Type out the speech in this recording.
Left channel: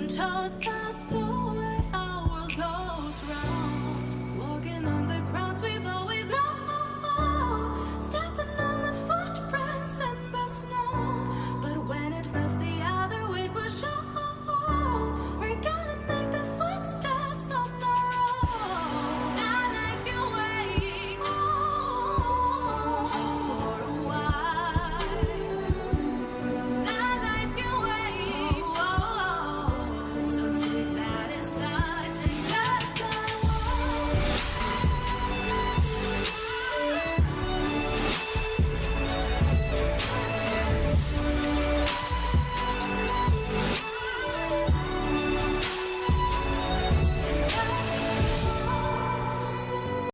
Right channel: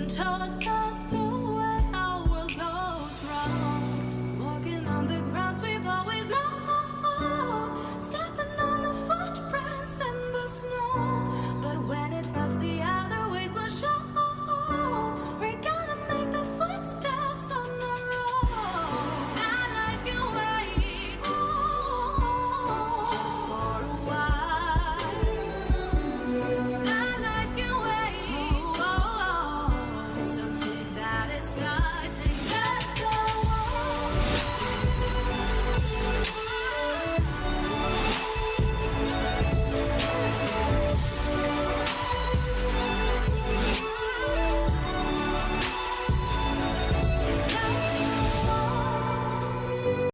been told that's the way our world goes round. Walking on the grounds we've always known, stepping on the footprints in the snow. But when it melts, the other ways will show. We're